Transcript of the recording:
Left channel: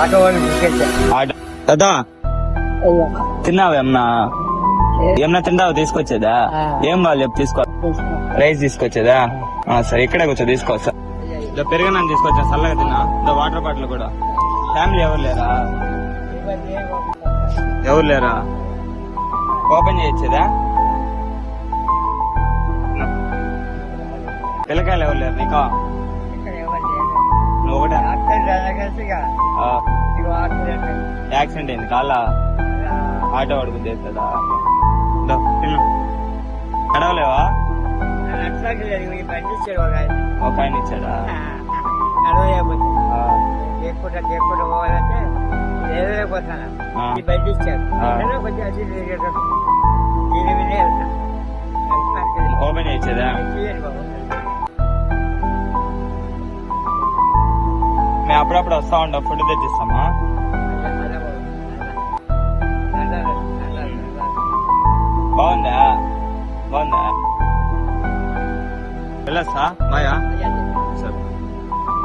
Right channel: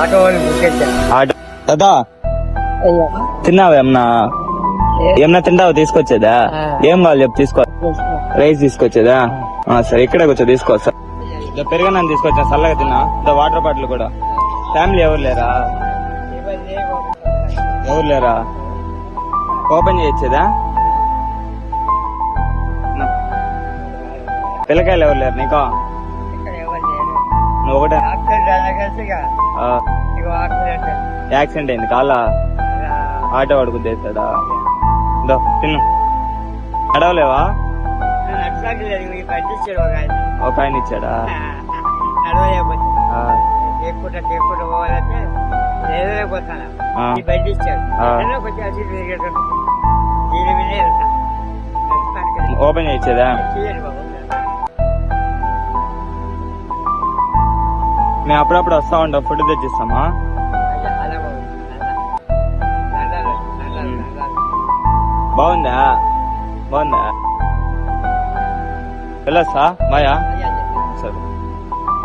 Auto వాళ్ళు బుక్కేసా. కదా తిన్నావా ఏమన్నా? ఏమన్నా తింటావు? తీసుకొచ్చేదా? ఏం వాళ్ళు చెప్పు తీసుకో. రైస్ తీసుకొచ్చేదా? సరే ఇక్కడే వచ్చా తీసుకోవచ్చా? పెరుగన్నాన్ని తీసుకొచ్చా చల్లగా తిన్నా. వాటర్ బాటిల్ కూడా. ఫ్యామిలీ ఎవరు లేరా? ఎవరు లేరా? ఓపెన్ చేయొచ్చేదా? పిల్లకాయలు ఎవరు లేరు నీకో? నువ్వు ఒకటే యాక్సిడెంట్ అయింది కాళ్ళ ఆటో వాడుకు తెస్తాడా? తిన్నా అడవలేవా? ఒక ఆయన ఇచ్చాడా? పోవాలంటే ఈ బండి ఇచ్చాడు. ఓపెన్ చేయొచ్చేదా? నేను అప్పుడప్పుడు వస్తా ఉంటా, ఫుడ్ తెచ్చిస్తామా? బాగుందా? బాగుందా? వెళ్ళొస్తా బాయా.